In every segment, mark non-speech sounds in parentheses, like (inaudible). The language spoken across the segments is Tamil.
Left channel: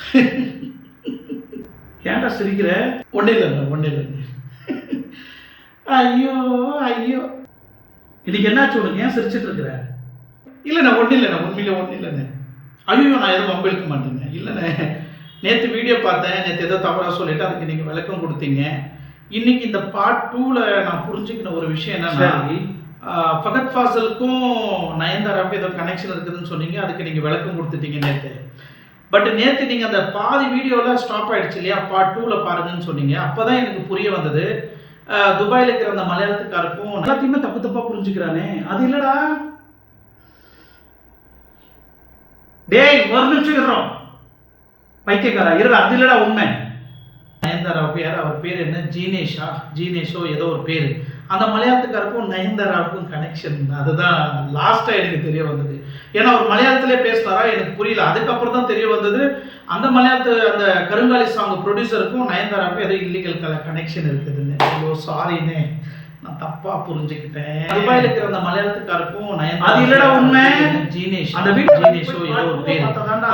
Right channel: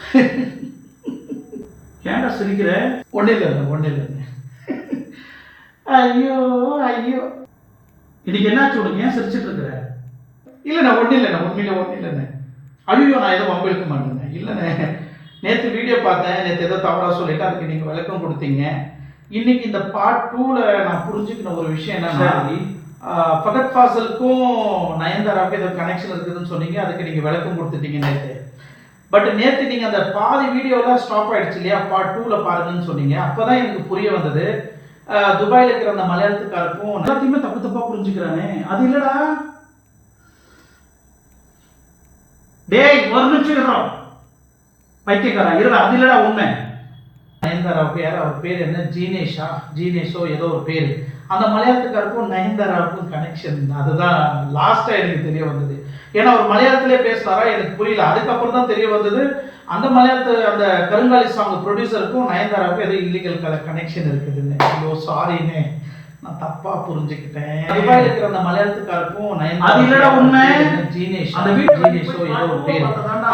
(laughs) ஏன்டா சிரிக்கிற? ஒன்றும் இல்லைண்ணே ஒன்றும் இல்லைண்ணே ஐயோ ஐயோ. இன்னைக்கு என்னாச்சு உனக்கு? ஏன் சிரிச்சிட்டு இருக்கிற? இல்லைண்ணே ஒன்றும் இல்லைண்ணே உண்மையில ஒன்றும் இல்லைண்ணே. ஐயோ நான் எதுவும் வம்பு இழுக்க மாட்டேங்க. இல்லைண்ணே நேற்று வீடியோ பார்த்தேன் நேற்று ஏதோ தவறாக சொல்லிட்டு அதுக்கு நீங்கள் விளக்கம் கொடுத்தீங்க. இன்னைக்கு இந்த பார்ட் டூவில் நான் புரிஞ்சுக்கின ஒரு விஷயம் என்னன்னா ஃபகத் ஃபாசலுக்கும் நயன்தாராவுக்கும் ஏதோ கனெக்ஷன் இருக்குதுன்னு சொன்னீங்க. அதுக்கு நீங்கள் விளக்கம் கொடுத்துட்டீங்க நேற்று பட் நேற்று நீங்கள் அந்த பாதி வீடியோவில் ஸ்டாப் ஆகிடுச்சு இல்லையா? பார்ட் டூவில் பாருங்கன்னு சொன்னீங்க. அப்போ தான் எனக்கு புரிய வந்தது. துபாயில் இருக்கிற அந்த மலையாளத்துக்காருக்கும் எல்லாத்தையுமே தப்பு தப்பாக புரிஞ்சுக்கிறானே. அது இல்லைடா. டேய் ஒரு நிமிஷம் இருக்கிறோம் பைத்தியக்காரா இருடா. அது இல்லைடா உண்மை. நயன்தாராவுக்கு யார் அவர் பேர் என்ன? ஜீனேஷா? ஜீனேஷோ ஏதோ ஒரு பேர். அந்த மலையாளத்துக்காருக்கும் நயன்தாராவுக்கும் கனெக்ஷன் அதுதான் லாஸ்ட்டாக எனக்கு தெரிய வந்தது. ஏன்னா அவர் மலையாளத்திலே பேசினாரா? எனக்கு புரியல. அதுக்கப்புறம் தான் தெரிய வந்தது. அந்த மலையாளத்து அந்த கருங்காலி சாங் ப்ரொடியூசருக்கும் நயன்தாராவுக்கும் ஏதோ இல்லீகல் கல கனெக்ஷன் இருக்குதுன்னு. ஐயோ சாரிண்ணே நான் தப்பா புரிஞ்சுக்கிட்டேன். துபாயில் இருக்கிற அந்த மலையாளத்துக்காருக்கும் நயன்தாரா அது இல்லடா உண்மை. ஜீனேஷ் அந்த வீடியோ ஜீனேஷோ ஏதோ ஒரு பேர்.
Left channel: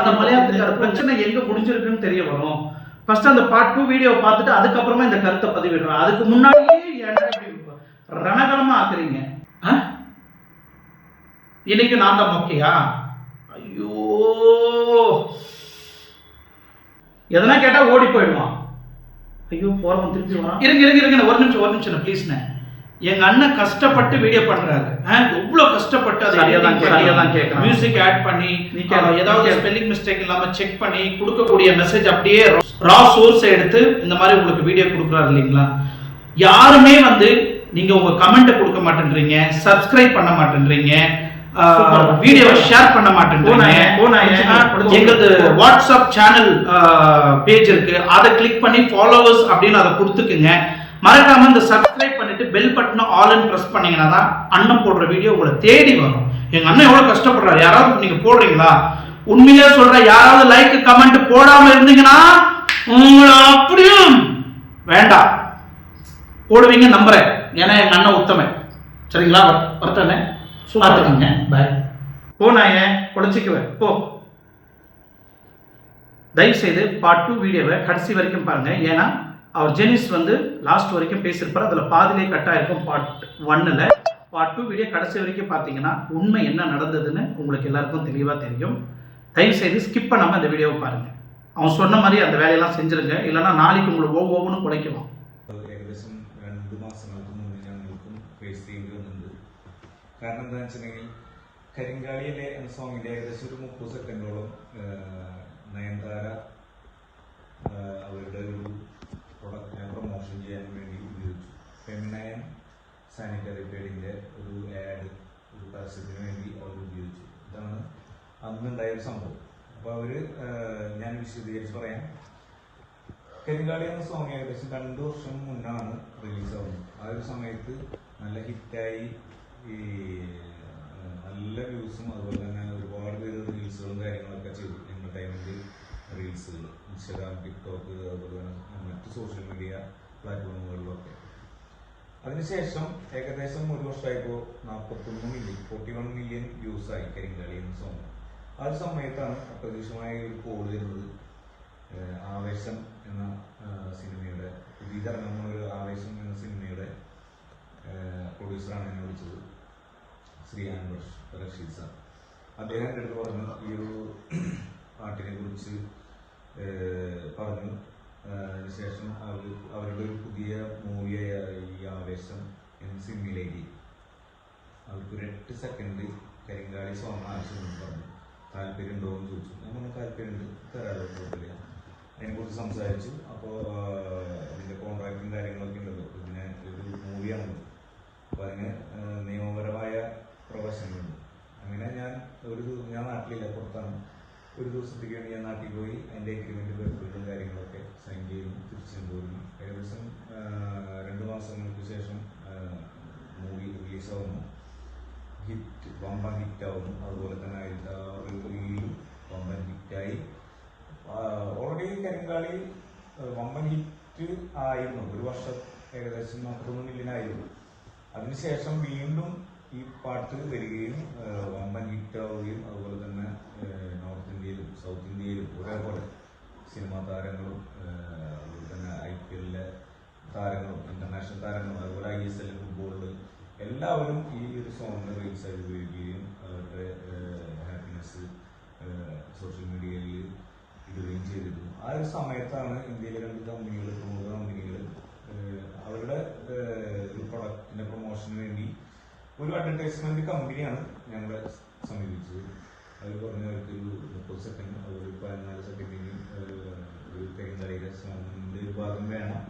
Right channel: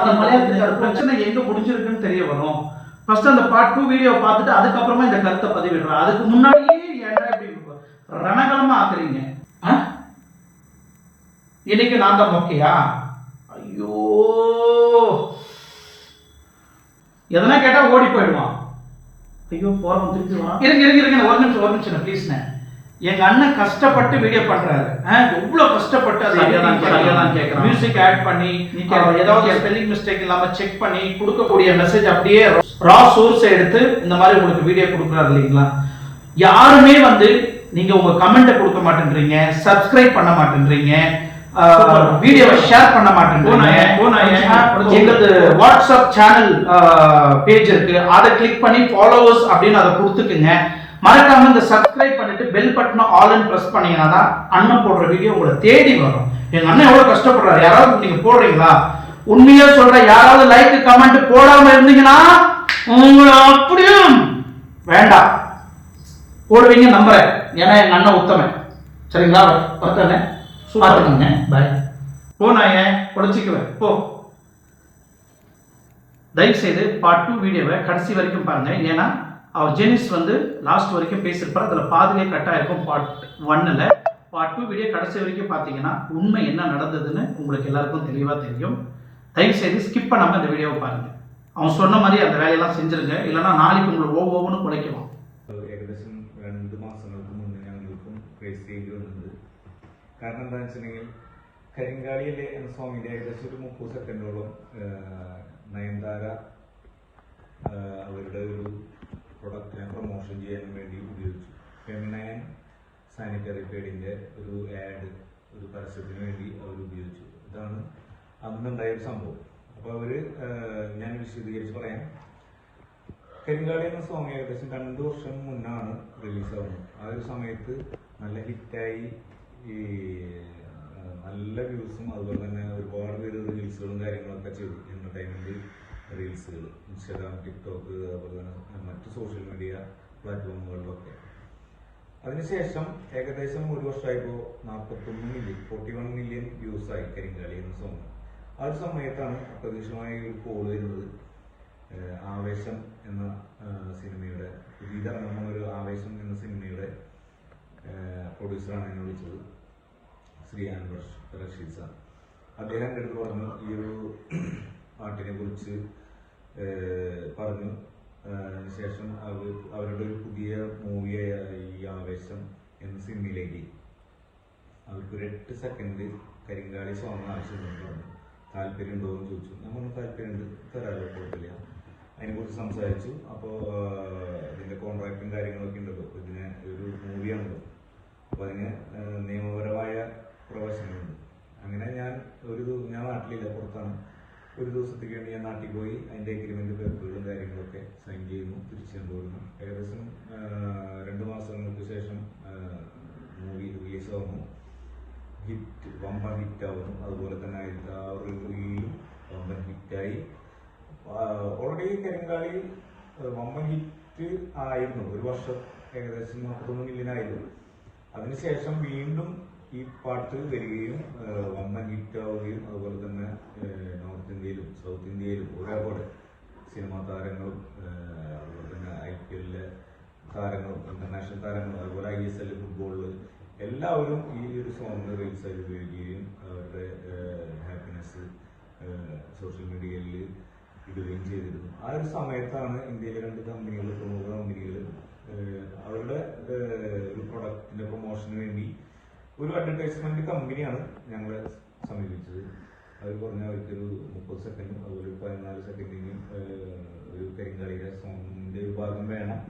அந்த மலையாளத்துக்கார பிரச்சனை எங்க முடிஞ்சிருக்குன்னு தெரிய வரும். ஃபர்ஸ்ட் அந்த பார்ட் டூ வீடியோ பார்த்துட்டு அதுக்கப்புறமா இந்த கருத்தை பதிவிடுறேன் அதுக்கு இப்படி ரணகலமா ஆக்குறீங்க? இன்னைக்கு நான் தான் மொக்கையா? ஐயோ. எதனா கேட்டா ஓடி போயிடுவான். ஐயோ போறவன் திருப்பி வரான். இருங்க இருங்க இருங்க ஒரு நிமிஷம் ஒரு நிமிஷம் ப்ளீஸ்ண்ணே எங்க அண்ணன் கஷ்டப்பட்டு வீடியோ பண்றாரு. ஆ, எவ்வளவு கஷ்டப்பட்டு அதை சரியா தான் கேட்கறான். மியூசிக் ஆட் பண்ணி ஏதாவது. ஸ்பெல்லிங் மிஸ்டேக் இல்லாம செக் பண்ணி கொடுக்கக்கூடிய மெசேஜ் அப்படியே ரா சோர்ஸ் எடுத்து இந்த மாதிரி உங்களுக்கு வீடியோ கொடுக்குறாரு இல்லைங்களா? யாருமே வந்து நீங்க உங்க கமெண்ட்டை கொடுக்க மாட்டேன்றீங்க சப்ஸ்கிரைப் பண்ண மாட்டேன்றீங்க. வீடியோவை ஷேர் பண்ண. அஹ், எங்களது வாட்ஸ்அப் சேனல் பேஜ் இருக்கு. அதை கிளிக் பண்ணி ஃபாலோவர்ஸ் அப்படின்னு அதை கொடுத்துக்குங்க. மறக்காம இந்த சப்ஸ்கிரைப் பண்ணிட்டு பெல் பட்டனை ஆல்னு பிரஸ் பண்ணீங்கன்னா தான் அண்ணன் போடுற வீடியோ உங்களை தேடி வரும். எங்க அண்ணன் எவ்வளவு கஷ்டப்படுறாரு? யாராவது நீங்க போடுறீங்களா? உண்மையிலே சொல்ற யாராவது லைக் கமெண்ட் போடாம இருந்தீங்கன்னா உங்களை அப்படியே வேண்டாம். போடுவீங்க நம்புறேன். ஏன்னா எங்க அண்ணன் உத்தமன். சரிங்களா? வரட்டண்ணே பார்த்துக்கோங்க. பாய். போனாயே பொழைச்சிக்குவேன் போ. தயவு செய்து பார்ட் டூ வீடியோவை கடைசி வரைக்கும் பாருங்க. ஏன்னா அவர் ஜெனிஸ் வந்து லாஸ்ட் வரைக்கும் பேசியிருப்பார். அதில் பாதிலே கட் ஆயிருக்கும் பார்ட் ஒன்னில் பார்ட் டூ வீடியோ கடைசி வரைக்கும் பார்த்தீங்கன்னா உண்மை என்ன நடந்ததுன்னு உங்களுக்கு எல்லாருக்கும் தெளிவாக தெரியும். தயவு செய்து ஸ்கிப் பண்ணாமல் இந்த வீடியோவை பாருங்க. அவன் சொன்ன மாதிரி அந்த வேலையெல்லாம் செஞ்சிருங்க. இல்லைன்னா நாளைக்கு உங்களை ஒவ்வொன்றும் குலைக்குவான் ഫേസ് ചെയ്യേണ്ടി വന്നിട്ടുണ്ട്. കാരണം എന്താണെന്ന് വെച്ചിട്ടുണ്ടെങ്കിൽ കരിങ്കാളിയിലെ എന്ന സോങ്ങിന്റെ ഏകദേശം ഒരു മുപ്പത് സെക്കൻഡോളം നയൻതാര അവരുടെ ഒരു പ്രൊഡക്റ്റിനെ പ്രൊമോഷൻ ചെയ്യാൻ വേണ്ടി ഉപയോഗിച്ചു. ഫെമിനയൻ സാനിറ്ററി പേഡിന്റെ ഒരു ആഡ് ഒരു പരസ്യത്തിന് വേണ്ടി അവർ ഉപയോഗിച്ചു. ഇതാണ് അന്നുണ്ടായ ഒരു സംഭവം. അപ്പോൾ അവർ ഞാൻ വിശദീകരിച്ച് പറയാം. കരിങ്കാളി എന്ന സോങ് ഏകദേശം രണ്ടു വർഷം മുന്നാണ് റിലീസ് ആവുന്നത് ആ ഒരു സമയത്ത് നല്ല ഹിറ്റായി ഈ നല്ല വ്യൂസും അതുപോലെ തന്നെ ഒരുപാട് പേര് റീൽസുകളും കാര്യങ്ങളൊക്കെ ചെയ്തു എന്റർടൈൻമെന്റ് റീൽസുകൾ ഇൻസ്റ്റാഗ്രാം ടിക്ടോക്ക് അതുപോലെ തന്നെ മറ്റ് സോഷ്യൽ മീഡിയ പ്ലാറ്റ്ഫോമുകളിലൊക്കെ അതിനുശേഷം ഏകദേശം ഒരു വർഷമായപ്പോൾ നാൽപ്പത്തൊന്ന് million forty one million views ആയി കരിങ്കാളി എന്ന സോങ് ആ ഒരു സമയത്താണ് അപ്രതീക്ഷിതമായ ഒരു കോൾ വരുന്നത്. ആവേശം എന്ന സിനിമയുടെ പുതിയതിറങ്ങുന്ന ഒരു ആവേശം എന്ന സിനിമയുടെ പ്രൊഡ്യൂസറാണ് എന്നെ വിളിച്ചത്. ശ്രീ അൻവർ റഷീദ് സാർ. അദ്ദേഹം എന്റെ അടുത്ത് പറഞ്ഞു ഈ ഒരു പാട്ടിനെ കുറിച്ച് പറഞ്ഞു. അതിനുശേഷം അവർ അവരുടെ ഒരു പുതിയ മൂവിയായ ഈ ആവേശം എന്ന സിനിമയിലേക്ക് അവർക്ക് ഒരു എട്ട് സെക്കൻഡ് കരിങ്കാളി സോങ് ആവശ്യമുണ്ടെന്ന് പറഞ്ഞു. താല്പര്യം ഉണ്ടോ എന്ന് ചോദിച്ചു. ഞാൻ പറഞ്ഞു താല്പര്യമുണ്ട്. തരാമല്ലോ കുഴപ്പമില്ല. അതിനെക്കുറിച്ച് സംസാരിച്ചു. അപ്പോൾ ഇതിന്റെ കോൺട്രാക്റ്റും കാര്യങ്ങളൊക്കെ ഉണ്ടല്ലോ. ഇതിന് അപ്പോൾ അതിന് നിയമപരമായ പ്രവേശനമുണ്ട്. അങ്ങനെ ഞാൻ ഒരു ഞാൻ നാട്ടിലില്ല പുറത്താണ്. ഒരു ദിവസത്തേക്ക് വേണ്ടി ഞാൻ നാട്ടിൽ പോയി അതിന്റെ അഗ്രിമെന്റ് പേപ്പറുകളും കാര്യങ്ങളൊക്കെ സൈൻ ചെയ്യുന്നു തിരിച്ചു കൊണ്ടുവരുന്നു ഏകദേശം രണ്ടു മാസങ്ങൾക്ക് ശേഷം മൂവി റിലീസ് ആവുന്നു. ഹിറ്റ് വമ്പൻ ഹിറ്റ് ആവുന്നു. അതുപോലെ തന്നെ അതിന്റെ ആ വമ്പൻ ഹിറ്റായി ഓൾറെഡി കരിങ്കാളി വമ്പൻ ഹിറ്റ് ആയിരുന്നു. ഒരു വർഷം ഏകദേശം മുപ്പത്തൊന്ന് മില്യൺ ആയിരുന്നു. അതിനുശേഷം വീണ്ടും ഈ പാട്ട് വരികയും വമ്പൻ ഹിറ്റ് ആവുകയും അതുപോലെ തന്നെ നോർത്ത് ഇന്ത്യയിലും സൗത്ത് ഇന്ത്യയിലും ഒരേപോലെ സിനിമാ താരങ്ങളും അതുപോലെ തന്നെ ഐ പി എല്ലിലെ താരങ്ങളും ഇന്റർനാഷണൽ താരങ്ങളും അതുപോലെ ഐ എസ് എൽ ഫുട്ബോളിൽ എല്ലാവരും ഈ ഒരു സോങ്ങിന് ആയി ഉപയോഗിക്കുകയും അവരുടെ ഹാപ്പിനെസ് സോഷ്യൽ മീഡിയയിൽ ഇടുകയും ചെയ്തിരുന്നു. ആ ഒരു സമയത്താണ് ഇന്ത്യയിലെ രണ്ട് കമ്പനികൾ പ്രമുഖ കമ്പനികൾ അവരുടെ ഒരു പ്രൊഡക്റ്റിന്റെ പ്രൊമോഷന് വേണ്ടി ഒരു അഡ്വർടൈസ്മെന്റ് കമ്പനിയാണ് ഞങ്ങളെ സമീപിച്ചത്. അവർ പറഞ്ഞ അവർക്കൊരു മുപ്പത് സെക്കൻഡ് അതുപോലെ ഒരു പതിനാല് സെക്കൻഡിനും ഒരു കരിങ്കളിയുടെ സോങ്ങിന്റെ ഒരു ഭാഗം വേണം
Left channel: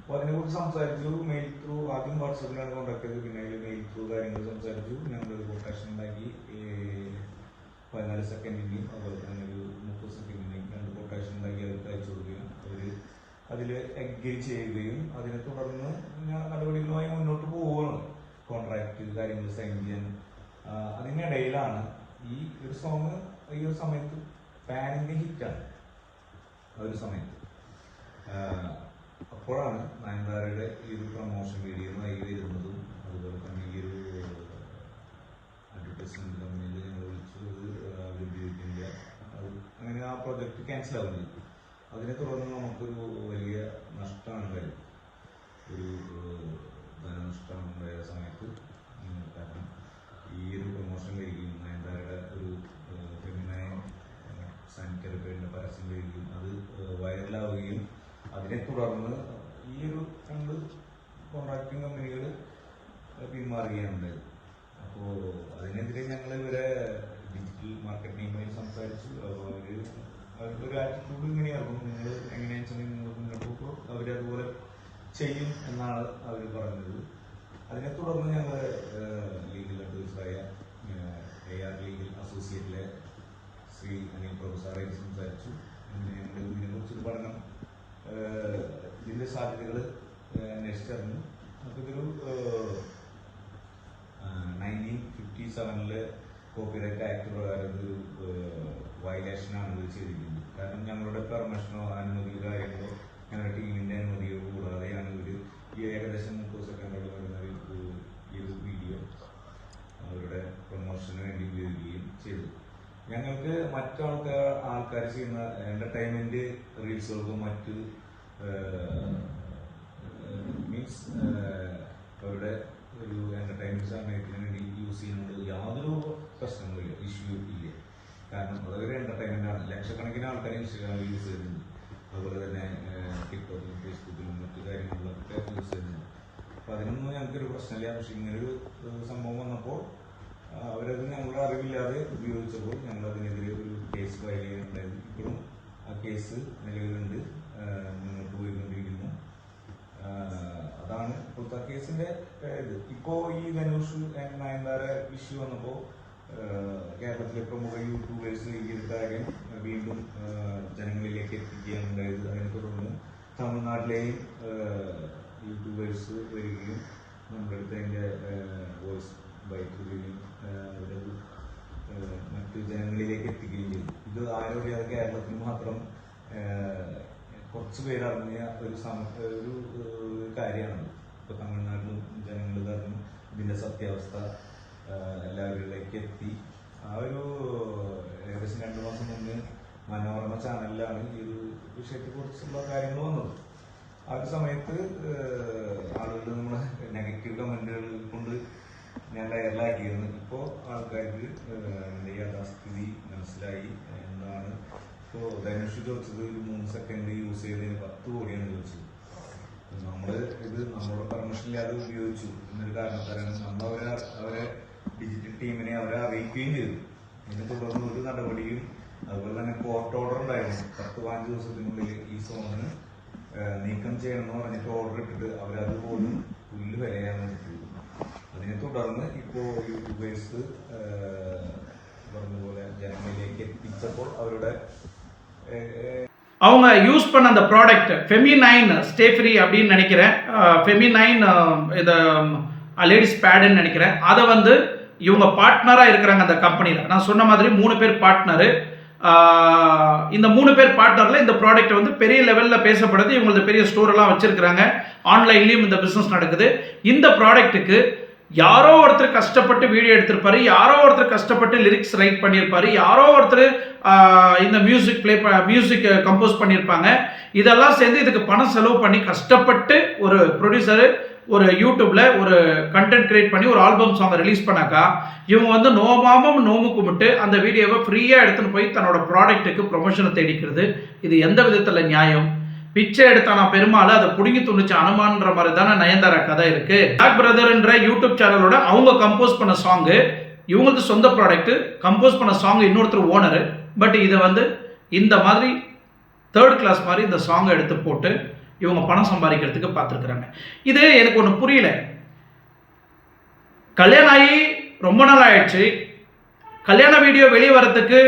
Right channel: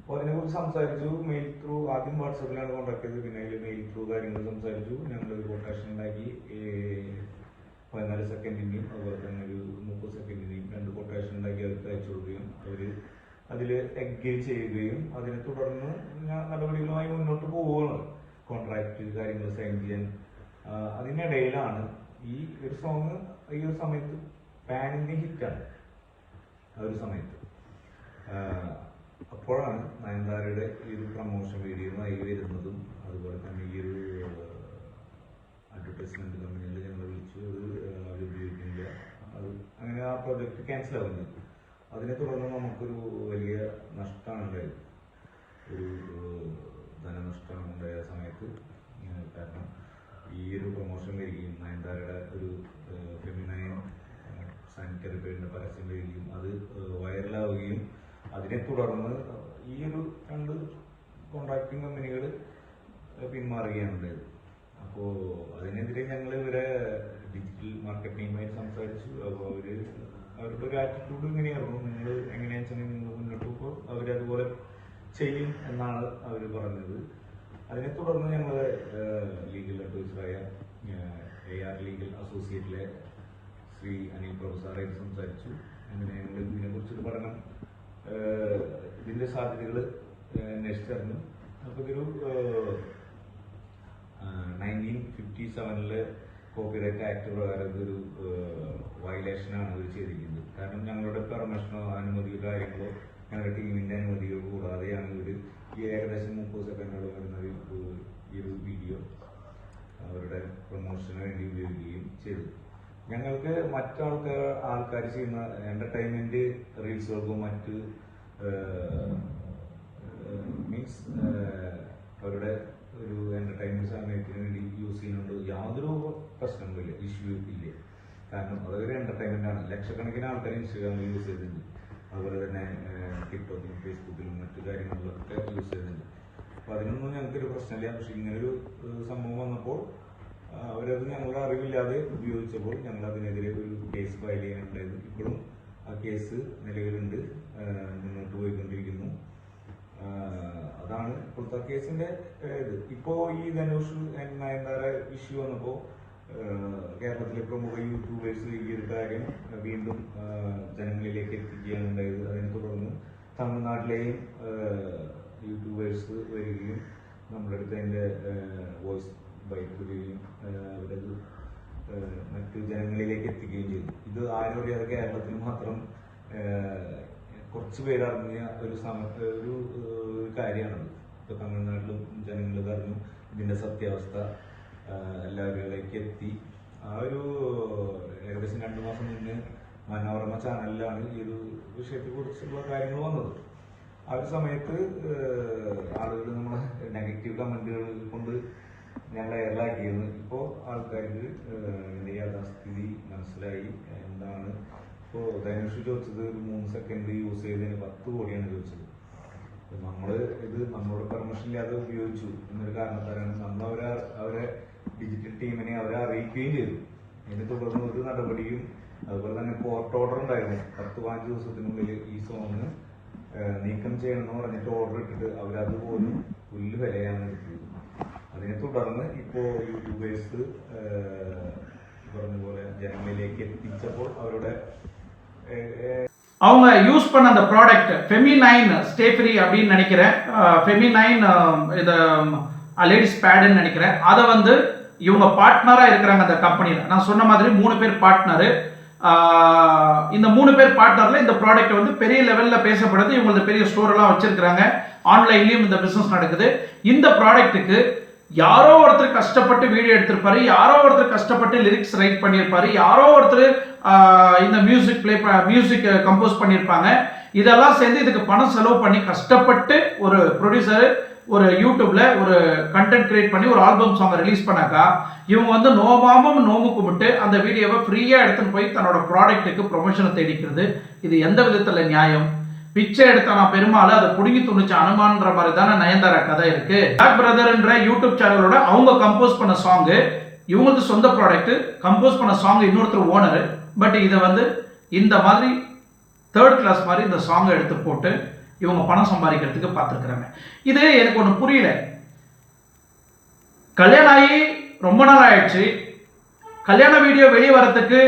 അപ്പോൾ അതിനെക്കുറിച്ച് സംസാരിച്ചു. മെയിൽ ത്രൂ ആദ്യം വാട്സപ്പിലാണ് കോൺടാക്ട് ചെയ്തത്. പിന്നെ അതിൽ മെയിൽ ത്രൂ കാര്യങ്ങൾ സംസാരിച്ചു. ഞങ്ങളൊരു കൊട്ടേഷൻ ഉണ്ടാക്കി. പതിനാല് സെക്കൻഡിന്റെയും അതുപോലെ തന്നെ ഒരു മുപ്പത് സെക്കൻഡിന്റെയും രണ്ട് കൊട്ടേഷൻ ഉണ്ടാക്കി അവർക്ക് അയച്ചു കൊടുക്കുകയും അവർ അതിൽ എൻഗേജ് ചെയ്യുകയും അതിനെ തുടർന്ന് നടപടികളുമായി മുന്നോട്ട് പോവുകയാണ്. കോൺട്രാക്ട് കാര്യങ്ങൾ സൈൻ ചെയ്യാൻ. അതിനിടയിലാണ് ഈ ഒരു സോങ് ഈ ഒരു സമയത്ത് പാൻ ഹിറ്റാണ് ആ ഒരു സമയത്ത്. അപ്പോഴാണ് നയൻതാരയുടെ ഈ ഒരു പ്രൊമോഷൻ വീഡിയോ ആയി വരുന്നതും അതുപോലെ തന്നെ ഈ ഒരു അഡ്വർടൈസ്മെന്റ് കമ്പനിയിൽ ഞങ്ങൾ വിളിച്ചു അത് ഉപയോഗിക്കുന്നില്ല അത് അങ്ങനെ ആ പ്രൊജക്ട് ക്യാൻസൽ ആവുന്നു. അതിനെ തുടർന്ന് നമുക്കൊരു വലിയ നഷ്ടമാണ് ഉണ്ടായത് ഒരു ധനനഷ്ടം ഉണ്ടായ സമയത്ത് കാരണം ഈ ഒരു പ്രൊമോഷൻ വരികയും നയൻതാരയുടെ ഒരു ഫെമിനയൻ സാനിറ്ററി പേരിന്റെ പരസ്യം വരികയും അത് വൈറലാവുകയും അതിനെ തുടർന്ന് ഈ ഒരു രണ്ട് കോൺട്രാക്ടിങ് കമ്പനികൾ പിന്മാറുകയാണ് ഉണ്ടായത് അപ്പോൾ അതിനെതിരെ ഞങ്ങൾ ഇവരെ ഡിജിറ്റൽ മാർക്കറ്റിംഗുമായി സംസാരിച്ചു. അപ്പോൾ അവർ അവരുടെ ഒരു ആറ്റിറ്റ്യൂഡ് ഇങ്ങനെയായിരുന്നു നിങ്ങൾ എങ്ങനെയാണെന്ന് വെച്ചാൽ നിങ്ങൾ മുന്നോട്ട് പോകുമ്പോൾ അവരതുപോലെ ചെയ്യും എന്നാണ് അവർ പറഞ്ഞത്. അതിനെ തുടർന്ന് ഞങ്ങൾ ലീഗൽ അഡ്വൈസറായ എ ആർ ലീഗൽ അസോസിയേറ്റിലെ ശ്രീ അനിൽ പ്രഭു സാറായിട്ട് സംസാരിച്ചു. അങ്ങനെ ഞങ്ങൾ ഇതിനെ കുറിച്ചൊരു പഠനം ഇതിന്റെ സാധ്യതകൾ അന്വേഷിച്ചറിഞ്ഞു അപ്പോൾ ഇതൊരു നയന്റീൻ ഫിഫ്റ്റി സെവനിൽ കോപ്പിറൈറ്റ് ആക്ട് പ്രകാരം ഇതൊരു വയലേഷനാണ് ഇവർ ചെയ്തിരിക്കുന്നത്. കാരണം ഞങ്ങളുടെ പെർമിഷനോ അനുമതിയോ കാര്യങ്ങളോ ഞങ്ങളുടെ ടീമിന്റെ അനുമതിയോ കൂടാതെയാണ് ഇവർ ഈ ഏകദേശം മുപ്പത് സെക്കൻഡോളം വരുന്ന ഈ ഒരു വീഡിയോ അവരുടെ പ്രൊമോഷന് വേണ്ടി ഉപയോഗിക്കുകയും ചെയ്തു. ഞങ്ങൾക്ക് മറ്റാൾക്കാർ ആൾക്കാർ ചെയ്യുന്ന എന്റർടൈൻമെന്റ് റീൽസുകൾക്കും മറ്റ് മീൻസ് അവരുടെ ഒരു എന്റർടൈൻമെന്റ് സമയത്തിന് വേണ്ടി യൂസ് ചെയ്യുന്നുണ്ട് യാതൊരു പ്രശ്നങ്ങളില്ല ഇഷ്യൂ ഇല്ല. കാരണം അതൊരു എന്റർടൈൻമെന്റ് ആണ്. ലക്ഷക്കണക്കിന് ആൾക്കാർ ഇൻസ്റ്റാഗ്രാമിൽ യൂസ് ചെയ്യുന്നുണ്ട് അതുപോലെ തന്നെ ടിക്ടോക്കിലും ഫേസ്ബുക്കിലും മറ്റു കാര്യങ്ങളിലൊക്കെ യൂസ് ചെയ്യുന്നുണ്ട്. അപ്പൊ അതിനൊന്നും ഞങ്ങൾക്കൊരു പ്രശ്നമില്ല. പക്ഷെ ഇങ്ങനൊരു സംഭവം വന്നപ്പോൾ അവരത് ഞങ്ങളുടെ അറിവില്ലാതെ ഉപയോഗിച്ചപ്പോൾ ഞങ്ങൾ അതിനെതിരെ ഒരു കേസ് ഫയൽ ചെയ്യാനുണ്ടായിരുന്നു. ഇപ്പോഴും ആ കേസ് നിലവിലുണ്ട്. മുന്നോട്ട് പോയിക്കൊണ്ടിരിക്കുന്നു. അതാണ് ഇപ്പോഴത്തെ കേസിന്റെ ഇത്. ഇപ്പോ ഈ ധനുഷ് നയൻതാര ഇഷ്യൂ വന്നപ്പോ കേരളത്തിലെ പ്രമുഖ യൂട്യൂബേഴ്സ് ഈ ഒരു കാര്യം വീണ്ടും ജനങ്ങളിലേക്ക് എത്തിക്കുകയാണ് ഉണ്ടായത്. അതിനെ തുടർന്ന് തമിഴ്നാട്ടിലെയും യൂട്യൂബേഴ്സ് വരികയും നമ്മുടെ അടുത്ത് അതിന്റെ വോയിസ് ബൈറ്റ് വരികയും അവരത് മറ്റു ജനങ്ങളിലേക്ക് എത്തിക്കുകയും ചെയ്തു. ഇത് ആരും അറിയാതെ കേരളത്തിൽ മാത്രം കുറച്ച് പേരറിഞ്ഞ ഒരു സമ ഒരു കാര്യമാണ്. ഇപ്പൊ തമിഴ്നാട്ടിലും ജനങ്ങൾ ഇത് അറിഞ്ഞു ഇതിന്റെ സത്യാവസ്ഥ എല്ലാവരിലേക്ക് എത്തി. ആ ഒരു ഏകദേശം രണ്ടു മാസം മുന്നേ മനോരമ ചാനലിലാണ് ഈ ഒരു വിഷയത്തെ കുറിച്ചുള്ള കാര്യങ്ങൾ വന്നത്. ആ ഒരു സമയത്ത് ആളുകൾ നമ്മുടെ നെഗറ്റീവ് കമന്റുകൾ കൊണ്ട് ഞാൻ വൈറലാക്കിയിരുന്നു ഇപ്പോ ആൾക്കാർക്ക് യാഥാസ്ഥിതി മനസ്സിലായി. എന്താണ് ഇപ്പോ ധനുഷ് ചോദിച്ചത് ഒരു മൂന്ന് സെക്കൻഡ് യൂസ് ചെയ്തതിന് പത്ത് കോടിയാണ് ചോദിച്ചത്. നമ്മൾ ഇത് നമ്മളോട് പെർമിഷൻ ഇല്ലാതെ ഉപയോഗിച്ചു എന്നൊരു കാരണത്താലാണ് നമ്മൾ അവരെ അവരെ ഡിജിറ്റൽ ടീമിനെ അവരെ അറിയിക്കുകയും ചെയ്തു. അതിനെ തുടർന്ന് ഒരു നടപടിയും അതുപോലെ തന്നെ കോർട്ട് ഓർഡർ ഉണ്ടായിരുന്നു. പത്ത് പതിനഞ്ച് ദിവസത്തിനുള്ളിൽ ഈ സോണിന് നീക്കം ചെയ്യണമെന്ന് പറഞ്ഞിട്ട് ഓർഡർ ഇട്ടിട്ട് അവരത് പോലും പുല്ല് വിലയാണ് എടുത്തത് അതിനെ തുടർന്ന് ഇപ്പോ യൂട്യൂബേഴ്സ് പറഞ്ഞ പോലെ ജനങ്ങളിലേക്ക് എത്തിച്ചപ്പോൾ അവരുടെ அவங்க யூஸ் பண்ண அந்த ப்ராடக்ட் ஃபெமினைன் ஸ்டே ஃப்ரீ அப்படின்னு நினைக்கிறேன். ஃபெமி நைன் இந்த லேடிஸ் பேடுன்னு நினைக்கிறேன். அதை வந்து இவங்க பார்ட்னராக இருக்கிறாங்க அந்த கம்பெனியில் நான் சொன்ன மாதிரி மூணு பேர் பார்ட்னரு இந்த மூணு பேர் பார்ட்னரில் இந்த ப்ராடக்ட் வந்து பெரிய லெவலில் பேசப்படுது. இவங்களது பெரிய ஸ்டோரெல்லாம் வச்சுருக்கிறாங்க. ஆன்லைன்லேயும் இந்த பிஸ்னஸ் நடக்குது. இந்த ப்ராடக்ட்டுக்கு யாரோ ஒருத்தர் கஷ்டப்பட்டு வீடியோ எடுத்திருப்பாரு யாரோ ஒருத்தர் கஷ்டப்பட்டு லிரிக்ஸ் ரைட் பண்ணியிருப்பாரு யாரோ ஒருத்தர் இந்த மியூசிக் ப்ளே மியூசிக் கம்போஸ் பண்ணியிருப்பாங்க. இதெல்லாம் சேர்ந்து இதுக்கு பணம் செலவு பண்ணி கஷ்டப்பட்டு ஒரு ப்ரொடியூசர் ஒரு யூடியூப்ல ஒரு கண்டென்ட் கிரியேட் பண்ணி ஒரு ஆல்பம் சாங்கை ரிலீஸ் பண்ணாக்கா இவங்க வந்து நோமாமம் நோமு கும்பிட்டு அந்த வீடியோவை ஃப்ரீயாக எடுத்துன்னு போய் தன்னோட ப்ராடக்ட்டுக்கு ப்ரொமோஷனை தேடிக்கிறது. இது எந்த விதத்தில் நியாயம்? பிச்சை எடுத்தானா பெருமாள் அதை புடுங்கி துணிச்சு அனுமான்ற மாதிரி தானே நயன்தாரா கதை இருக்கு. பிளாக் பிரதர்ன்ற யூடியூப் சேனலோட அவங்க கம்போஸ் பண்ண சாங்கு இவங்களது சொந்த ப்ராடக்ட் கம்போஸ் பண்ண சாங் இன்னொருத்தர் ஓனரு பட் இதை வந்து இந்த மாதிரி தேர்ட் கிளாஸ் மாதிரி இந்த சாங்கை எடுத்து போட்டு இவங்க பணம் சம்பாதிக்கிறதுக்கு பார்த்துருக்குறாங்க. இது எனக்கு ஒன்று புரியல. கல்யாணம் ஆகி ரொம்ப நாள் ஆயிடுச்சு. கல்யாண வீடியோ வெளியே வரத்துக்கு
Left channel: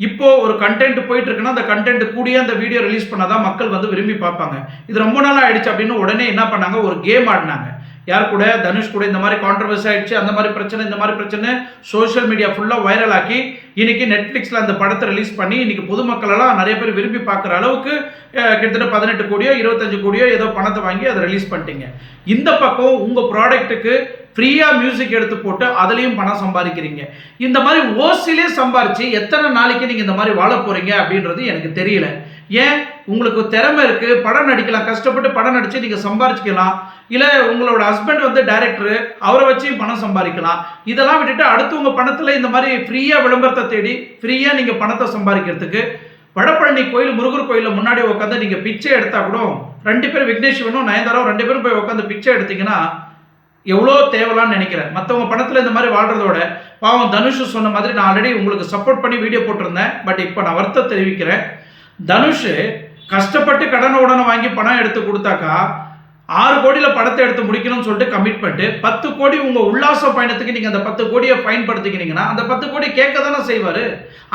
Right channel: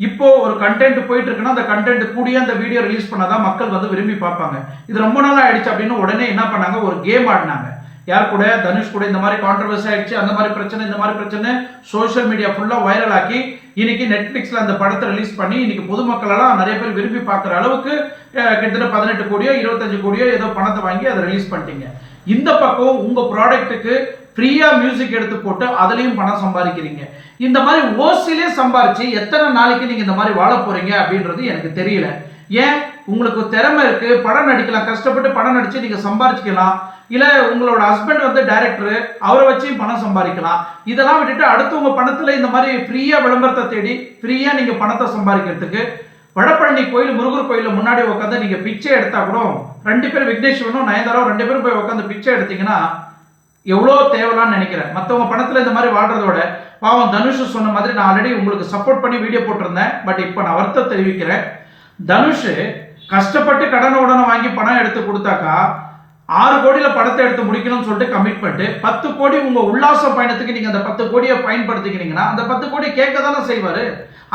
இப்போ ஒரு கண்டென்ட் போயிட்டு இருக்குன்னா அந்த கண்டென்ட் கூடிய அந்த வீடியோ ரிலீஸ் பண்ணாதான் மக்கள் வந்து விரும்பி பார்ப்பாங்க. இது ரொம்ப நாள் ஆயிடுச்சு அப்படின்னு உடனே என்ன பண்ணாங்க? ஒரு கேம் ஆடினாங்க. யார் கூட? தனுஷ் கூட. இந்த மாதிரி கான்ட்ரவர்சி ஆயிடுச்சு. அந்த மாதிரி பிரச்சனை இந்த மாதிரி பிரச்சனை. சோஷியல் மீடியா ஃபுல்லாக வைரல் ஆக்கி இன்னைக்கு நெட்ஃப்ளிக்ஸில் அந்த படத்தை ரிலீஸ் பண்ணி இன்னைக்கு பொதுமக்களெல்லாம் நிறைய பேர் விரும்பி பார்க்குற அளவுக்கு கிட்டத்தட்ட பதினெட்டு கோடியோ இருபத்தஞ்சு கோடியோ ஏதோ பணத்தை வாங்கி அதை ரிலீஸ் பண்ணிட்டீங்க. இந்த பக்கம் உங்கள் ப்ராடக்ட்டுக்கு ஃப்ரீயாக மியூசிக் எடுத்து போட்டு அதுலேயும் பணம் சம்பாதிக்கிறீங்க. இந்த மாதிரி ஓசிலே சம்பாரிச்சு எத்தனை நாளைக்கு நீங்கள் இந்த மாதிரி வாழ போகிறீங்க அப்படின்றது எனக்கு தெரியல. ஏன்? உங்களுக்கு திறமை இருக்குது படம் நடிக்கலாம் கஷ்டப்பட்டு படம் நடித்து நீங்கள் சம்பாரிச்சிக்கலாம். இல்லை உங்களோட ஹஸ்பண்ட் வந்து டைரக்டர் அவரை வச்சு பணம் சம்பாதிக்கலாம். இதெல்லாம் விட்டுட்டு அடுத்து உங்கள் பணத்தில் இந்த மாதிரி ஃப்ரீயாக விளம்பரத்தை தேடி ஃப்ரீயாக நீங்கள் பணத்தை சம்பாதிக்கிறதுக்கு வடபழனி கோயில் முருகர் கோயிலில் முன்னாடி உட்காந்து நீங்கள் பிச்சை எடுத்தால் கூட ரெண்டு பேரும் விக்னேஸ்வரனும் நயன்தாராவும் ரெண்டு பேரும் போய் உட்காந்து பிச்சை எடுத்தீங்கன்னா எவ்வளோ தேவலான்னு நினைக்கிறேன். மற்றவங்க பணத்தில் இந்த மாதிரி வாழ்கிறதோட பாவம் தனுஷ் சொன்ன மாதிரி நான் ஆல்ரெடி உங்களுக்கு சப்போர்ட் பண்ணி வீடியோ போட்டிருந்தேன். பட் இப்போ நான் வருத்தம் தெரிவிக்கிறேன். தனுஷ் கஷ்டப்பட்டு கடனை உடனே வாங்கி பணம் எடுத்து கொடுத்தாக்கா ஆறு கோடியில் படத்தை எடுத்து முடிக்கணும்னு சொல்லிட்டு கமிட்மெண்ட்டு பத்து கோடி உங்கள் உல்லாச பயணத்துக்கு நீங்கள் அந்த பத்து கோடியை பயன்படுத்திக்கினீங்கன்னா அந்த பத்து கோடி கேட்க தானே செய்வார்?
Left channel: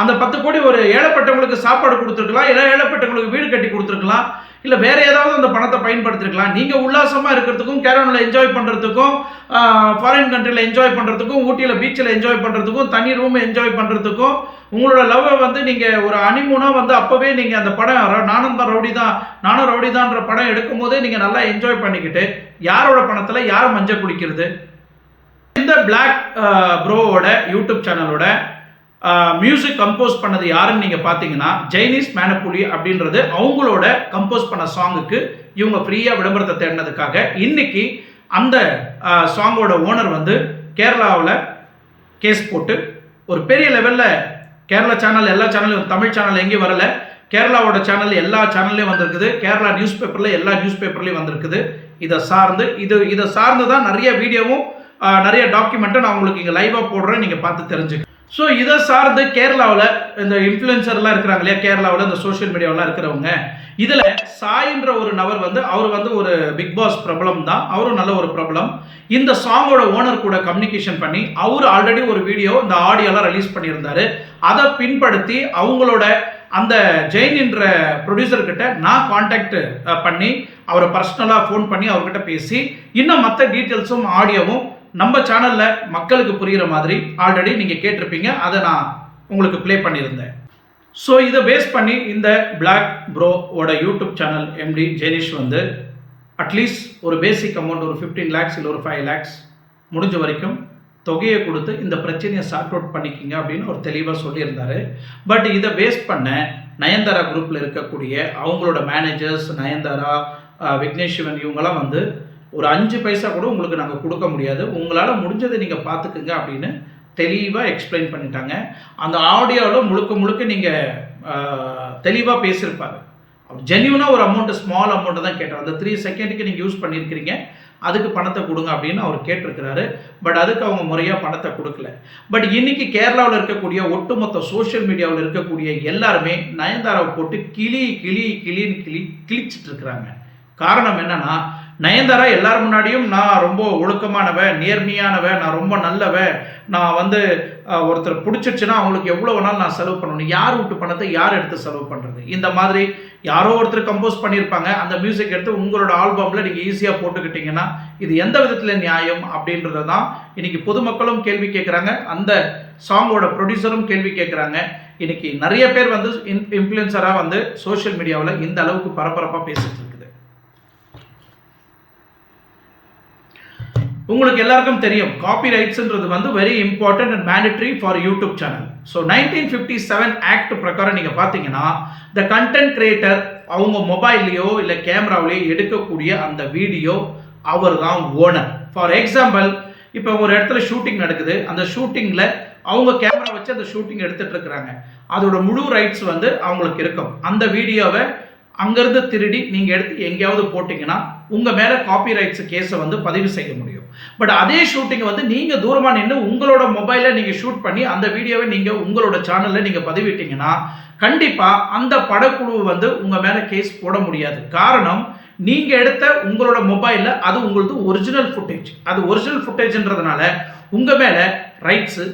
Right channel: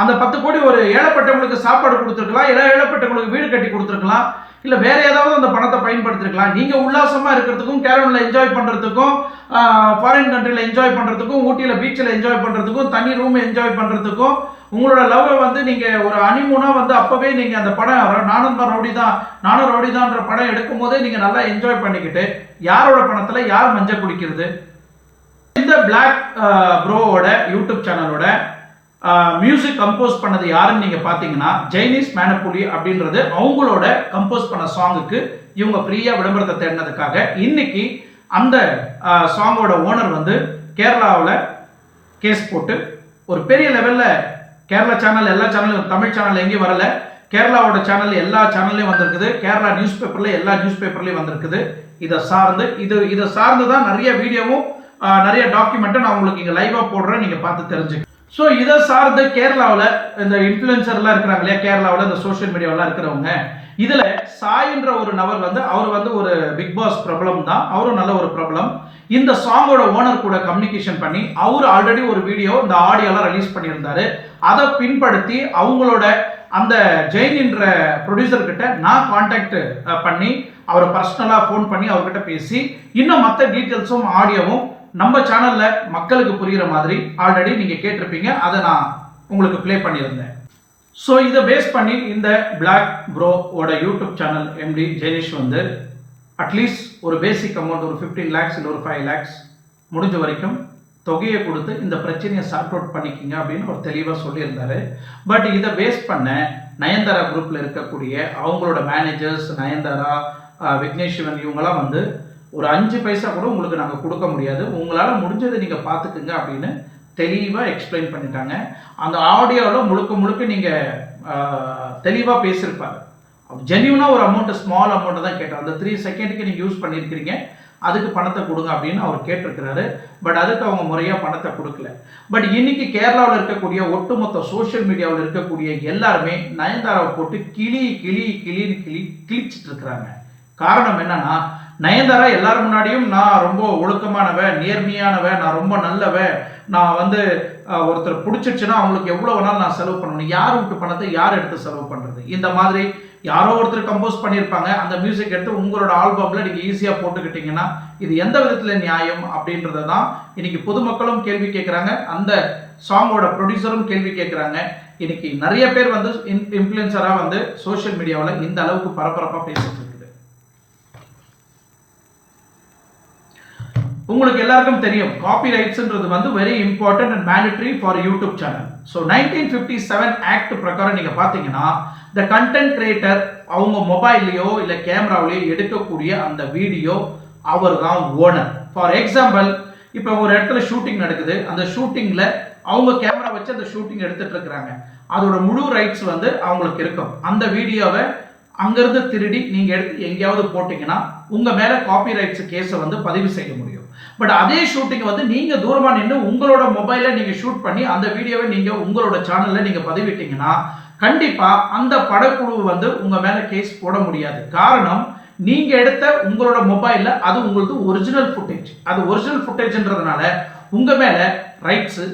அந்த பத்து கோடி ஒரு ஏழைப்பட்டவங்களுக்கு சாப்பாடு கொடுத்துருக்கலாம் இல்லை ஏழைப்பட்டவங்களுக்கு வீடு கட்டி கொடுத்துருக்கலாம். இல்லை வேற ஏதாவது அந்த பணத்தை பயன்படுத்திருக்கலாம். நீங்கள் உல்லாசமாக இருக்கிறதுக்கும் கேரளில் என்ஜாய் பண்ணுறதுக்கும் ஃபாரின் கண்ட்ரியில் என்ஜாய் பண்ணுறதுக்கும் ஊட்டியில் பீச்சில் என்ஜாய் பண்ணுறதுக்கும் தனி ரூம் என்ஜாய் பண்ணுறதுக்கும் உங்களோட லவ்வை வந்து நீங்கள் ஒரு அனிமூனாக வந்து அப்போவே நீங்கள் அந்த படம் நானும் தான் ரவுடி தான் நானும் ரவுடி தான்ற படம் எடுக்கும் போதே நீங்கள் நல்லா என்ஜாய் பண்ணிக்கிட்டு யாரோட பணத்தில் யார் மஞ்சள் குடிக்கிறது? இந்த பிளாக் ப்ரோவோட யூடியூப் சேனலோட மியூசிக் கம்போஸ் பண்ணது யாருன்னு நீங்கள் பார்த்தீங்கன்னா ஜைனீஸ் மேனப்புலி அப்படின்றது அவங்களோட கம்போஸ் பண்ண சாங்குக்கு இவங்க ஃப்ரீயாக விளம்பரத்தை தேடினதுக்காக இன்னைக்கு அந்த சாங்கோட ஓனர் வந்து கேரளாவில் கேஸ் போட்டு ஒரு பெரிய லெவலில் கேரளா சேனல் எல்லா சேனலும் தமிழ் சேனல் எங்கேயும் வரல. கேரளாவோட சேனல் எல்லா சேனல்லையும் வந்திருக்குது. கேரளா நியூஸ் பேப்பரில் எல்லா நியூஸ் பேப்பர்லையும் வந்திருக்குது. இதை சார்ந்து இது இதை சார்ந்து தான் நிறைய வீடியோவும் நிறைய டாக்குமெண்ட்டும் நான் உங்களுக்கு இங்கே லைவாக போடுறேன். நீங்கள் பார்த்து தெரிஞ்சுக்க ஸோ இதை சார்ந்து கேரளாவில் இந்த இன்ஃப்ளூயன்சர்லாம் இருக்கிறாங்க இல்லையா? கேரளாவில் இந்த சோஷியல் மீடியாவெலாம் இருக்கிறவங்க. இதில் சாயின்ற ஒரு நபர் வந்து அவர் வந்து ஒரு பிக் பாஸ் பிரபலம் தான். அவரும் நல்ல ஒரு பிரபலம். இந்த சாங்கோட ஓனர் கூட கம்யூனிகேஷன் பண்ணி அவர் ஆல்ரெடி ஒரு வீடியோ இந்த ஆடியோலாம் ரிலீஸ் பண்ணியிருந்தாரு. அதை பின்படுத்தி அவங்களோட அந்த ஜெயின்ன்ற ப்ரொடியூசர்கிட்ட நான் காண்டாக்ட் பண்ணி அவரை பர்சனலாக ஃபோன் பண்ணி அவர்கிட்ட பேசி இன்னும் மற்ற டீட்டெயில்ஸும் ஆடியோவும் நம்ம சேனலில் மக்களுக்கு புரிகிற மாதிரி ஆல்ரெடி நீங்கள் கேட்டிருப்பீங்க. அதை நான் உங்களுக்கு ப்ளே பண்ணியிருந்தேன். ஸோ இதை பேஸ் பண்ணி இந்த பிளாக் ப்ரோவோட யூடியூப் சேனல் எம்டி ஜெனிஷ் வந்து அட்லீஸ்ட் ஒரு பேசிக் அமௌண்ட் ஒரு ஃபிஃப்டீன் லேக்ஸ் இல்லை ஒரு ஃபைவ் லேக்ஸ் முடிஞ்ச வரைக்கும் தொகையை கொடுத்து இந்த பிரச்சனையை சார்ட் அவுட் பண்ணிக்கிங்க அப்படின்னு ஒரு தெளிவாக சொல்லியிருந்தார். பட் இதை பேஸ் பண்ண நயன்தாரா குரூப்பில் இருக்கக்கூடிய அவங்களோட மேனேஜர்ஸ் நயன்தாரா விக்னேஷ் சிவன் இவங்கெல்லாம் வந்து ஒரு அஞ்சு பைசா கூட உங்களுக்கு நாங்கள் கொடுக்க முடியாது. உங்களால் முடிஞ்சதை நீங்கள் பார்த்துக்குங்க அப்படின்னு தெளிவாக எக்ஸ்பிளைன் பண்ணிட்டாங்க. அந்த ஆடியோவில் முழுக்க முழுக்க நீங்கள் தெளிவாக பேசியிருப்பாரு. ஜென்யூனாக ஒரு அமௌண்ட்டு ஸ்மால் அமௌண்ட்டு தான் கேட்டார் அந்த த்ரீ செகண்டுக்கு நீங்கள் யூஸ் பண்ணியிருக்கிறீங்க. அதுக்கு பணத்தை கொடுங்க அப்படின்னு அவர் கேட்டிருக்கிறாரு. பட் அதுக்கு அவங்க முறையாக பணத்தை கொடுக்கல. பட் இன்னைக்கு கேரளாவில் இருக்கக்கூடிய ஒட்டுமொத்த சோஷியல் மீடியாவில் இருக்கக்கூடிய எல்லாருமே நயன்தாராவை போட்டு கிளி கிளி கிளின்னு கிளி கிழிச்சிட்டு இருக்கிறாங்க. காரணம் என்னன்னா நயன்தாரா எல்லார் முன்னாடியும் நான் ரொம்ப ஒழுக்கமானவ நேர்மையானவ நான் ரொம்ப நல்லவ நான் வந்து ஒருத்தர் பிடிச்சிருச்சுன்னா அவங்களுக்கு எவ்வளோ வேணாலும் நான் செலவு பண்ணணும். யார் விட்டு பணத்தை யார் எடுத்து செலவு பண்ணுறது இந்த மாதிரி யாரோ ஒருத்தர் கம்போஸ் பண்ணியிருப்பாங்க. அந்த மியூசிக் எடுத்து உங்களோட ஆல்பமில் நீங்கள் ஈஸியாக போட்டுக்கிட்டீங்கன்னா இது எந்த விதத்தில் நியாயம் அப்படின்றத தான் இன்றைக்கி பொதுமக்களும் கேள்வி கேட்குறாங்க அந்த சாங்கோட ப்ரொடியூசரும் கேள்வி கேட்குறாங்க இன்றைக்கி நிறைய பேர் வந்து இன் இன்ஃப்ளூயன்சராக வந்து சோஷியல் மீடியாவில் இந்த அளவுக்கு பரபரப்பாக பேசிகிட்டு இருக்குது. உங்களுக்கு எல்லாருக்கும் தெரியும். காப்பி ரைட்ஸ்ன்றது வந்து very important and mandatory for YouTube channel so nineteen fifty seven act பிரகாரம் நீங்கள் பார்த்தீங்கன்னா த கண்டென்ட் கிரியேட்டர் அவங்க மொபைல்லையோ இல்லை கேமராவிலையோ எடுக்கக்கூடிய அந்த வீடியோ அவர் தான் ஓனர் ஃபார் எக்ஸாம்பிள் இப்போ ஒரு இடத்துல ஷூட்டிங் நடக்குது. அந்த ஷூட்டிங்கில் அவங்க கேமரா வச்சு அந்த ஷூட்டிங் எடுத்துகிட்டு இருக்கிறாங்க. அதோட முழு ரைட்ஸ் வந்து அவங்களுக்கு இருக்கும். அந்த வீடியோவை அங்கேருந்து திருடி நீங்கள் எடுத்து எங்கேயாவது போட்டிங்கன்னா உங்கள் மேலே காப்பி ரைட்ஸ் கேஸை வந்து பதிவு செய்ய முடியும். பட் அதே ஷூட்டிங்கை வந்து நீங்கள் தூரமாக நின்று உங்களோட மொபைலில் நீங்கள் ஷூட் பண்ணி அந்த வீடியோவை நீங்கள் உங்களோட சேனலில் நீங்கள் பதிவிட்டிங்கன்னா கண்டிப்பாக அந்த படக்குழு வந்து உங்கள் மேலே கேஸ் போட முடியாது. காரணம் நீங்கள் எடுத்த உங்களோட மொபைலில் அது உங்களது ஒரிஜினல் ஃபுட்டேஜ் அது ஒரிஜினல் ஃபுட்டேஜ்ன்றதுனால உங்கள் மேலே ரைட்ஸு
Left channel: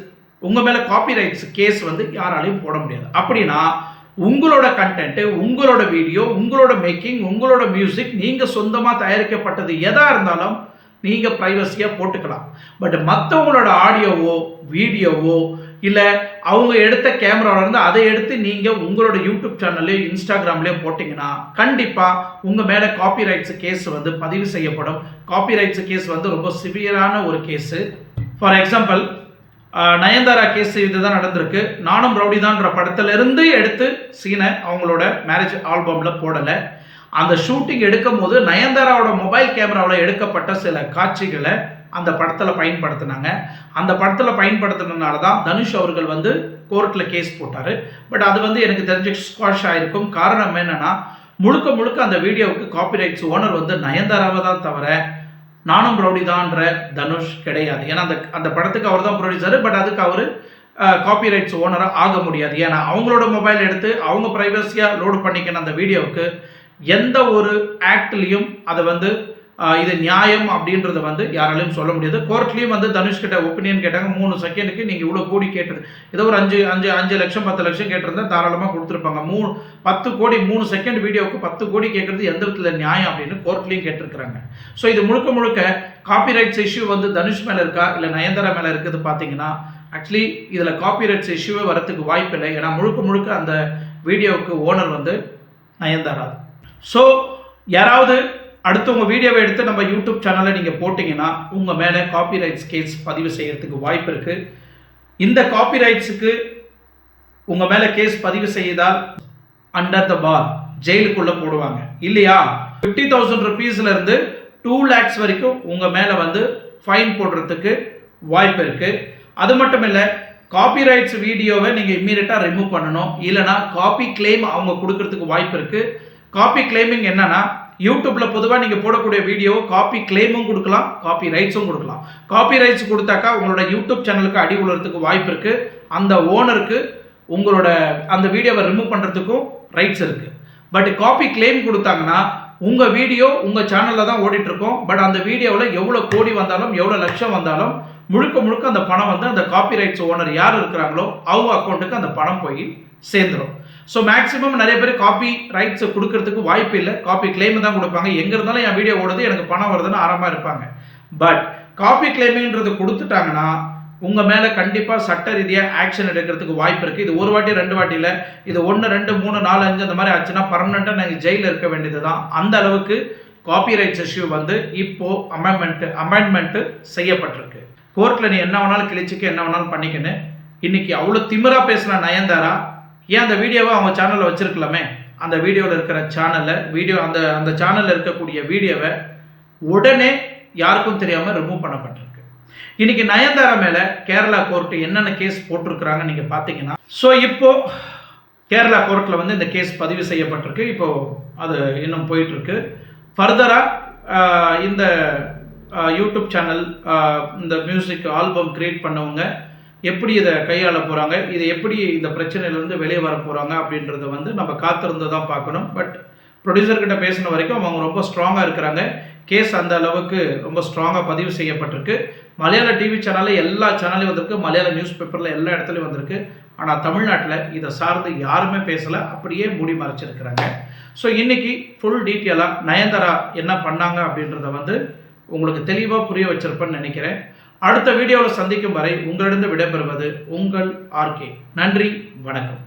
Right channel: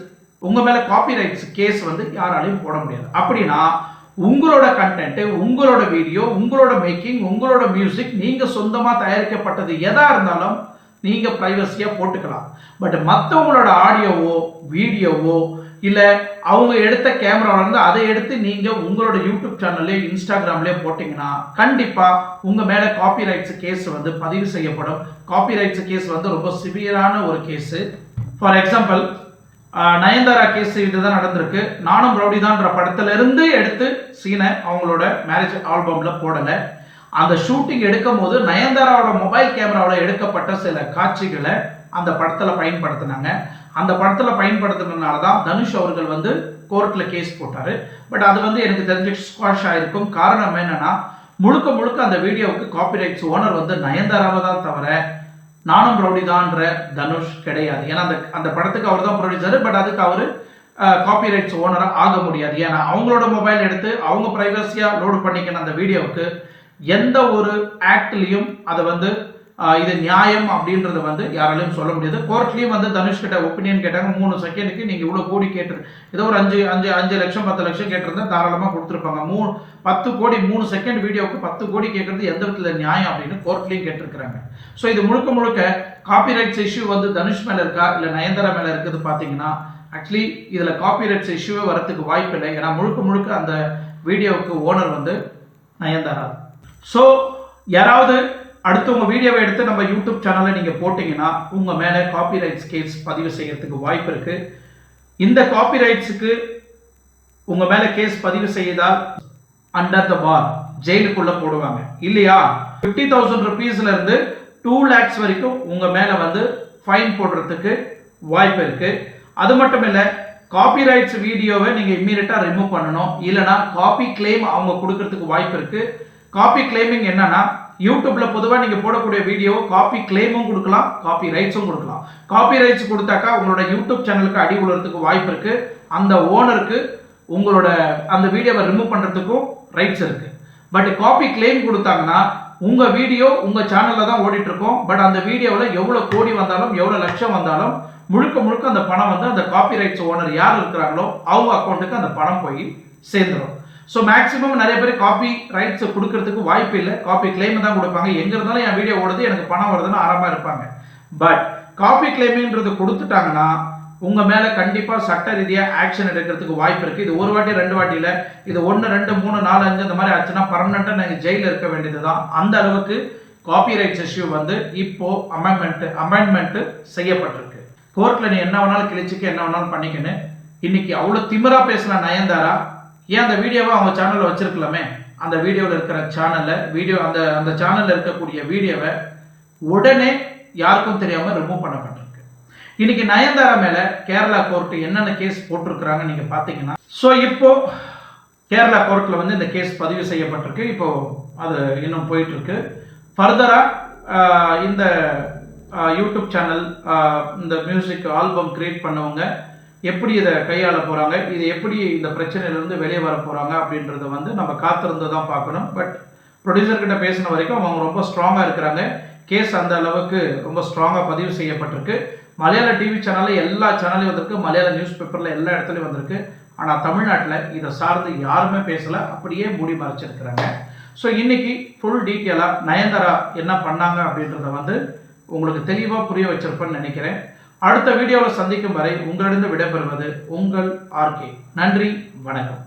உங்கள் மேலே காப்பி ரைட்ஸ் கேஸ் வந்து யாராலையும் போட முடியாது. அப்படின்னா உங்களோட கண்டென்ட்டு உங்களோட வீடியோ உங்களோட மேக்கிங் உங்களோட மியூசிக் நீங்கள் சொந்தமாக தயாரிக்கப்பட்டது எதாக இருந்தாலும் நீங்கள் ப்ரைவசியாக போட்டுக்கலாம். பட் மற்றவங்களோட ஆடியோவோ வீடியோவோ இல்லை அவங்க எடுத்த கேமராவிலேருந்து அதை எடுத்து நீங்கள் உங்களோட யூடியூப் சேனல்லையோ இன்ஸ்டாகிராம்லேயே போட்டிங்கன்னா கண்டிப்பாக உங்கள் மேலே காப்பிரைட்ஸ் கேஸ் வந்து பதிவு செய்யப்படும். காப்பிரைட்ஸ் கேஸ் வந்து ரொம்ப சிவியரான ஒரு case for example Nayanthara case இதுதான் நடந்திருக்கு. நானும் ரவுடிதான்ற படத்திலிருந்து எடுத்து சீனை அவங்களோட மேரேஜ் ஆல்பமில் போடலை. அந்த ஷூட்டிங் எடுக்கும் போது நயன்தாராவோட மொபைல் கேமராவில் எடுக்கப்பட்ட சில காட்சிகளை அந்த படத்தில் பயன்படுத்தினாங்க. அந்த படத்தில் பயன்படுத்தினதுனால தான் தனுஷ் அவர்கள் வந்து கோர்ட்டில் கேஸ் போட்டார். பட் அது வந்து எனக்கு தெரிஞ்சு ஸ்குவாஷ் ஆகிருக்கும் காரணம் என்னென்னா முழுக்க முழுக்க அந்த வீடியோவுக்கு காப்பிரைட்ஸ் ஓனர் வந்து நயன்தாராவை தான் தவிர நானும் ரவுடிதான்ற தனுஷ் கிடையாது. ஏன்னா அந்த அந்த படத்துக்கு அவர் தான் ப்ரொடியூசர் பட் அதுக்கு அவர் காப்பிரைட்ஸ் ஓனராக ஆக முடியாது. ஏன்னா அவங்களோட மொபைல் எடுத்து அவங்க ப்ரைவசியாக லோடு பண்ணிக்கின அந்த வீடியோவுக்கு எந்த ஒரு ஆக்ட்லேயும் அதை வந்து இது நியாயம் அப்படின்றத வந்து யாராலையும் சொல்ல முடியாது. கோர்ட்லேயும் வந்து தனுஷ் கிட்ட ஒப்பீனியன் கேட்டாங்க. மூணு செகண்டுக்கு நீங்கள் இவ்வளோ கோடி கேட்டது. ஏதோ ஒரு அஞ்சு அஞ்சு அஞ்சு லட்சம் பத்து லட்சம் கேட்டிருந்தா தாராளமாக கொடுத்துருப்பாங்க. மூணு பத்து கோடி மூணு செகண்ட் வீடியோவுக்கு பத்து கோடி கேட்குறது எந்த விதத்தில் நியாயம் அப்படின்னு கோர்ட்லேயும் கேட்டிருக்கிறாங்க. ஸோ இது முழுக்க முழுக்க காப்பிரைட்ஸ் இஷ்யூ வந்து தனுஷ் மேலே இருக்கா? இல்லை நயன்தாரா மேலே இருக்குது பார்த்தீங்கன்னா ஆக்சுவலி இதில் காப்பிரைட்ஸ் இஷ்யூவே வரத்துக்கு வாய்ப்பு இல்லை. ஏன்னா முழுக்க முழுக்க அந்த வீடியோவுக்கு ஓனர் வந்து நயன்தாரா ஸோ யாராவது அடுத்தவங்க வீடியோவை எடுத்து நம்ம யூடியூப் சேனலில் நீங்கள் போட்டிங்கன்னா உங்கள் மேலே காப்பிரைட்ஸ் கேஸ் பதிவு செய்யறதுக்கு வாய்ப்பு இருக்குது இந்த காப்பிரைட்ஸுக்கு உங்கள் மேலே கேஸ் பதிவு செய்தால் அண்டர் த பார் ஜெயிலுக்குள்ளே போடுவாங்க. இல்லையா? ஃபிஃப்டி தௌசண்ட் ருபீஸ்லேருந்து டூ லேக்ஸ் வரைக்கும் உங்கள் மேலே வந்து ஃபைன் போடுறதுக்கு வாய்ப்பு இருக்குது அது மட்டும் இல்லை காப்பிரைட்ஸ் வீடியோவை நீங்கள் இம்மீடியட்டாக ரிமூவ் பண்ணணும். இல்லைனா காப்பி கிளைம் அவங்க கொடுக்கறதுக்கு வாய்ப்பு இருக்குது காப்பி கிளைமிங் என்னன்னா யூடியூப்பில் பொதுவாக நீங்கள் போடக்கூடிய வீடியோ காப்பி கிளைமும் கொடுக்கலாம் காப்பி ரைட்ஸும் கொடுக்கலாம். காப்பி ரைட்ஸ் கொடுத்தாக்கா உங்களோட யூடியூப் சேனலுக்கு அடி உழுறதுக்கு வாய்ப்பு இருக்குது அந்த ஓனருக்கு உங்களோட அந்த வீடியோவை ரிமூவ் பண்ணுறதுக்கும் ரைட்ஸ் இருக்குது பட் காப்பி கிளைம் கொடுத்தாங்கன்னா உங்கள் வீடியோ உங்கள் சேனலில் தான் ஓடிட்டுருக்கோம். பட் அந்த வீடியோவில் எவ்வளோ கோடி வந்தாலும் எவ்வளோ லட்சம் வந்தாலும் முழுக்க முழுக்க அந்த பணம் வந்து அந்த காப்பி ரைட்ஸ் ஓனர் யார் இருக்கிறாங்களோ அவங்க அக்கௌண்ட்டுக்கு அந்த பணம் போய் சேர்ந்துடும் ஸோ மேக்ஸிமம் நிறைய பேர் காப்பி ரைட்ஸை கொடுக்கறதுக்கு வாய்ப்பு இல்லை. காப்பி கிளைம் தான் கொடுப்பாங்க. எங்கே இருந்தாலும் என் வீடியோ ஓடுது எனக்கு பணம் வருதுன்னு ஆரம்பமாக இருப்பாங்க. பட் காப்பி கிளைமிங்கிறது கொடுத்துட்டாங்கன்னா உங்கள் மேலே கண்டிப்பாக சட்ட ரீதியாக ஆக்ஷன் எடுக்கிறதுக்கு வாய்ப்பு இருக்குது இது ஒரு வாட்டி ரெண்டு வாட்டியில் இது ஒன்று ரெண்டு மூணு நாலு அஞ்சு அந்த மாதிரி ஆச்சுன்னா பர்மனெண்ட்டாக நீங்கள் ஜெயிலில் இருக்க வேண்டியது தான் அந்த அளவுக்கு காப்பி ரைட்ஸ் இஷ்யூ வந்து இப்போ அமெண்ட்மெண்ட்டு அமெண்ட்மெண்ட்டு செய்யப்பட்டிருக்கு. கோர்ட்டில் நீ என்ன வேணாலும் கிழிச்சிக்க என்ன வேணாலும் பண்ணிக்கின்னு. இன்னைக்கு அவ்வளோ திமிராக பேசின நயன்தாரா? ஏன் அந்த வீடியோவை அவங்க சேனலில் வச்சிருக்கலாமே? அந்த வீடியோவில் இருக்கிற சேனலில் வீடியோ அந்த அந்த சேனலில் இருக்கக்கூடிய வீடியோவை உடனே யாருக்கும் தெரியாமல் ரிமூவ் பண்ணப்பட்டிருக்கு. இன்னைக்கு நயன்தாரா மேலே கேரளா கோர்ட்டு என்னென்ன கேஸ் போட்டிருக்கிறாங்க நீங்கள் பார்த்தீங்கன்னா ஸோ இப்போ கேரளா கோர்ட்டில் வந்து இந்த கேஸ் பதிவு செய்யப்பட்டிருக்கு. இப்போது அது இன்னும் போயிட்டுருக்கு. ஃபர்தராக இந்த யூடியூப் சேனல் இந்த மியூசிக் ஆல்பம் கிரியேட் பண்ணவங்க எப்படி இதை கையாள போகிறாங்க இது எப்படி இந்த பிரச்சனையிலேருந்து வெளியே வர போகிறாங்க அப்படின்றத வந்து நம்ம காத்திருந்து தான் பார்க்கணும் பட் ப்ரொடியூசர்கிட்ட பேசின வரைக்கும் அவங்க ரொம்ப ஸ்ட்ராங்காக இருக்கிறாங்க. கேஸ் அந்த அளவுக்கு ரொம்ப ஸ்ட்ராங்காக பதிவு செய்யப்பட்டிருக்கு. மலையாள டிவி சேனலில் எல்லா சேனல்லையும் வந்திருக்கு. மலையாள நியூஸ் பேப்பரில் எல்லா இடத்துலையும் வந்திருக்கு. ஆனால் தமிழ்நாட்டில் இதை சார்ந்து யாருமே பேசலை. அப்படியே மூடி மறைச்சிருக்கிறாங்க. ஸோ இன்றைக்கி ஃபுல் டீட்டெயிலாக நயன்தாரா என்ன பண்ணாங்க அப்படின்றத வந்து உங்களுக்கு தெளிவாக புரிய வச்சிருப்பேன்னு நினைக்கிறேன். அடுத்த வீடியோவில் சந்திக்கும் வரை உங்களிடம் விடைபெறுவது உங்கள் ஆர்கே நன்றி வணக்கம்.